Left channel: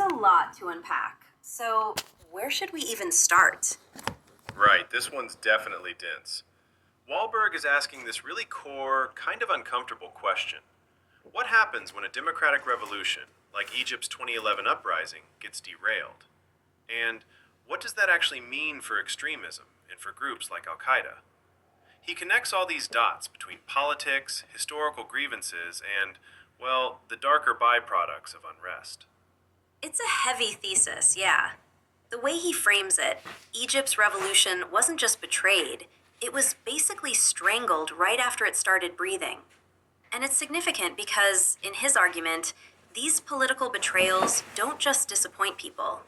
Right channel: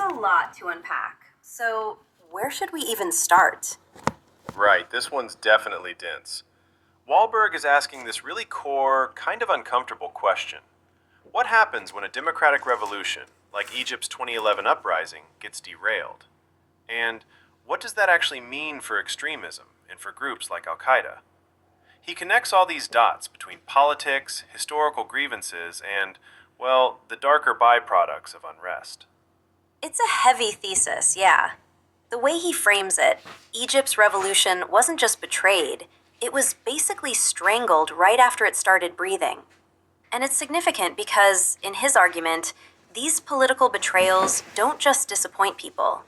a lot to unpack. So, where should we even start? Right, this one's definitely dense. Wahlberg is asking this really core, kind of uncomfortable question. What happens when a democratic revolution, like Egypt's 2011 uprising, gets derailed? And what does that actually mean for extremism and for groups like al-Qaeda? He connects all these dots between politics, historical grievances, and, well, the darker byproducts of unrest. It's a heavy thesis, yeah. The way he frames it, Egypt's revolution wasn't just betrayed, it was basically strangled right after it started breathing. And it's significant because, in his argument, these political betrayals don't just disappoint people.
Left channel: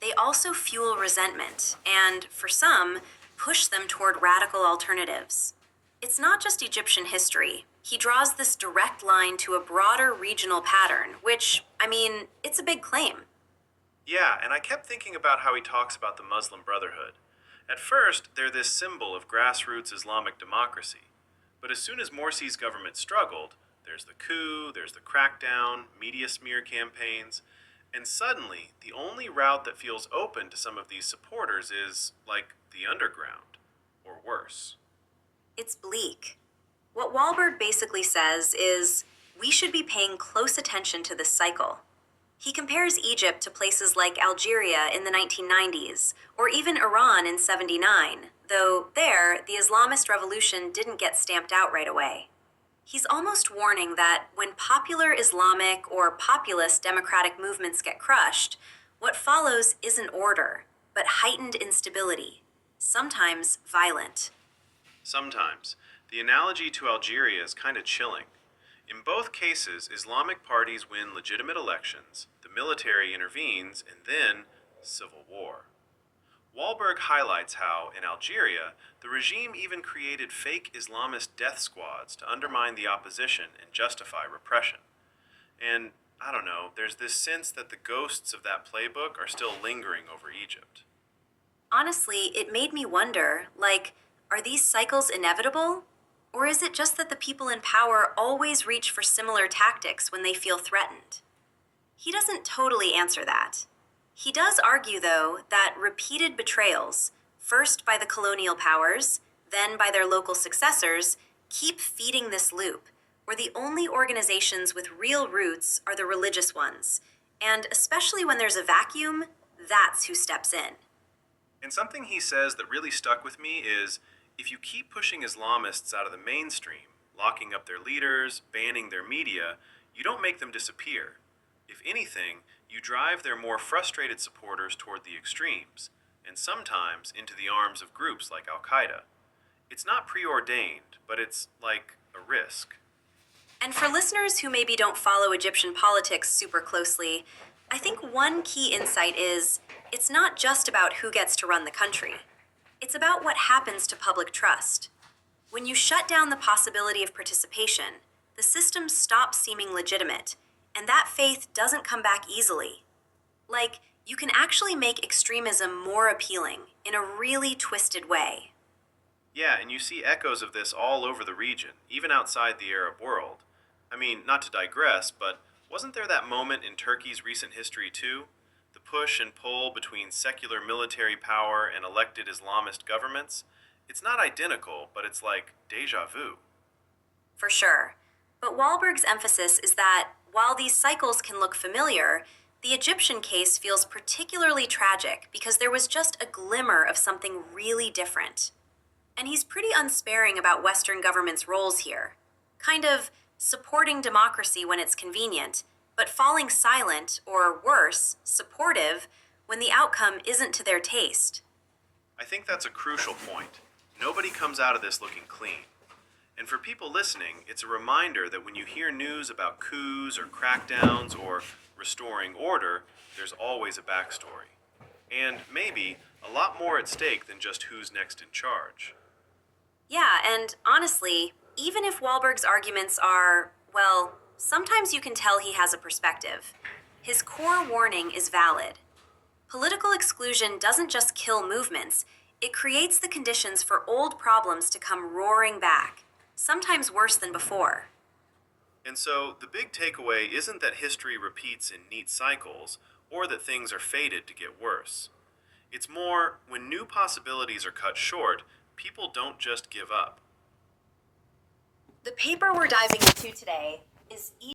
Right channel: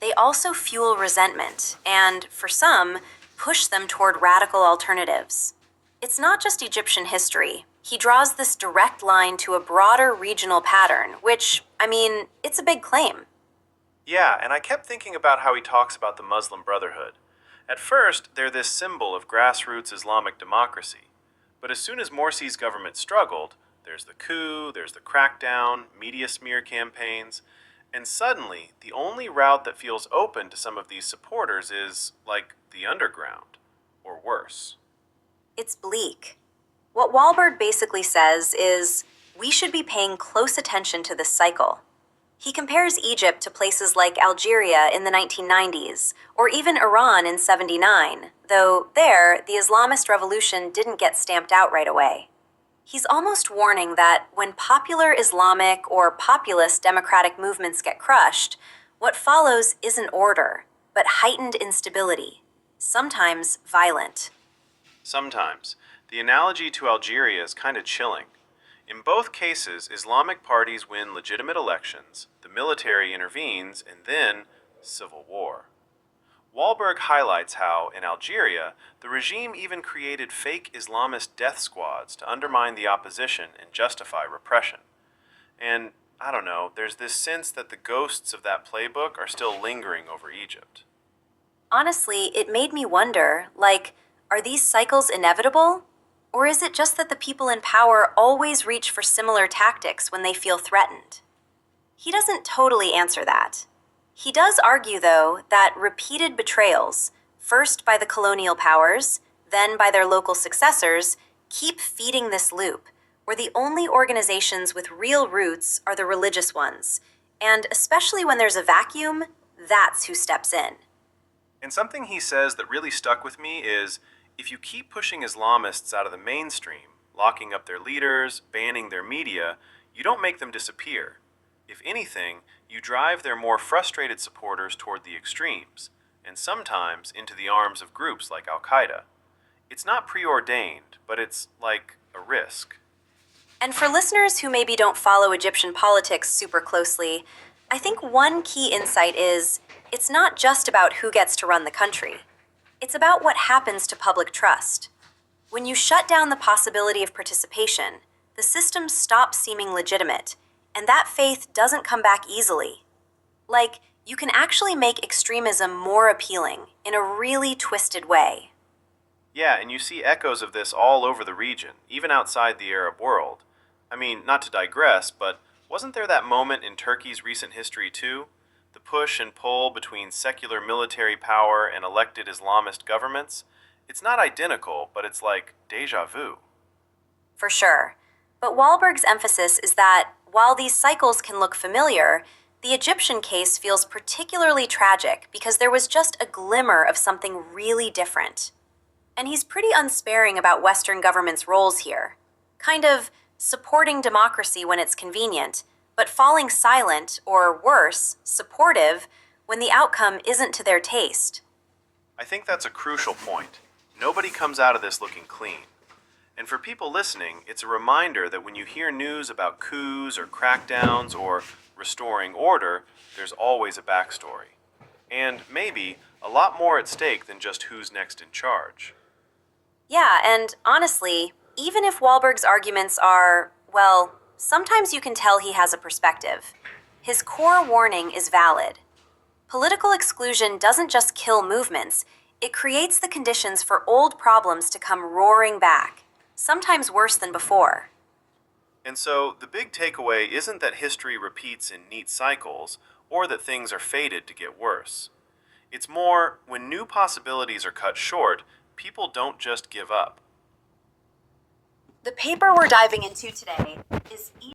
They also fuel resentment and, for some, push them toward radical alternatives. It's not just Egyptian history. He draws this direct line to a broader regional pattern, which, it's a big claim. Yeah, and I kept thinking about how he talks about the Muslim Brotherhood. At first, they're this symbol of grassroots Islamic democracy. But as soon as Morsi's government struggled, there's the coup, there's the crackdown, media smear campaigns, and suddenly, the only route that feels open to some of these supporters is, like, the underground, or worse. It's bleak. What Wahlberg basically says is we should be paying close attention to this cycle. He compares Egypt to places like Algeria in the 1990s, or even Iran in '79, though there, the Islamist revolution didn't get stamped out right away. He's almost warning that when popular Islamic or populist democratic movements get crushed, what follows isn't order, but heightened instability, sometimes violent. Sometimes. The analogy to Algeria is kind of chilling. In both cases, Islamic parties win legitimate elections, the military intervenes, and then civil war. Wahlberg highlights how, in Algeria, the regime even created fake Islamist death squads to undermine the opposition and justify repression. And, I don't know, there's this sense that the ghosts of that playbook are still lingering over Egypt. Honestly, it made me wonder, are these cycles inevitable? Or is it just that the people in power always reach for similar tactics when they feel threatened? He doesn't totally answer that. He does argue, though, that repeated betrayals, first by the colonial powers, then by their local successors, keep feeding this loop, where the only organizations with real roots are the religious ones. And especially when there's a vacuum, that's who steps in. And something he says that really stuck with me is, if you keep pushing Islamists out of the mainstream, locking up their leaders, banning their media, you don't make them disappear. If anything, you drive their more frustrated supporters toward the extremes, and sometimes into the arms of groups like al-Qaeda. It's not preordained, but it's like a risk. And for listeners who maybe don't follow Egyptian politics super closely, I think one key insight is it's not just about who gets to run the country. It's about what happens to public trust. When you shut down the possibility of participation, the system stops seeming legitimate, and that faith doesn't come back easily. You can actually make extremism more appealing in a really twisted way. Yeah, and you see echoes of this all over the region, even outside the Arab world. Not to digress, but wasn't there that moment in Turkey's recent history too? The push and pull between secular military power and elected Islamist governments? It's not identical, but it's like déjà vu. For sure. But Wahlberg's emphasis is that while these cycles can look familiar, the Egyptian case feels particularly tragic because there was just a glimmer of something really different. And he's pretty unsparing about Western governments' roles here. Kind of supporting democracy when it's convenient, but falling silent, or worse, supportive, when the outcome isn't to their taste. I think that's a crucial point. Nobody comes out of this looking clean. And for people listening, it's a reminder that when you hear news about coups or crackdowns or restoring order, there's always a backstory. And maybe a lot more at stake than just who's next in charge. Yeah, and honestly, even if Wahlberg's arguments are, sometimes you can tell he has a perspective. His core warning is valid. Political exclusion doesn't just kill movements, it creates the conditions for old problems to come roaring back, sometimes worse than before. And so, the big takeaway isn't that history repeats in neat cycles, or that things are fated to get worse. It's more, when new possibilities are cut short, people don't just give up. The paper we're diving into today is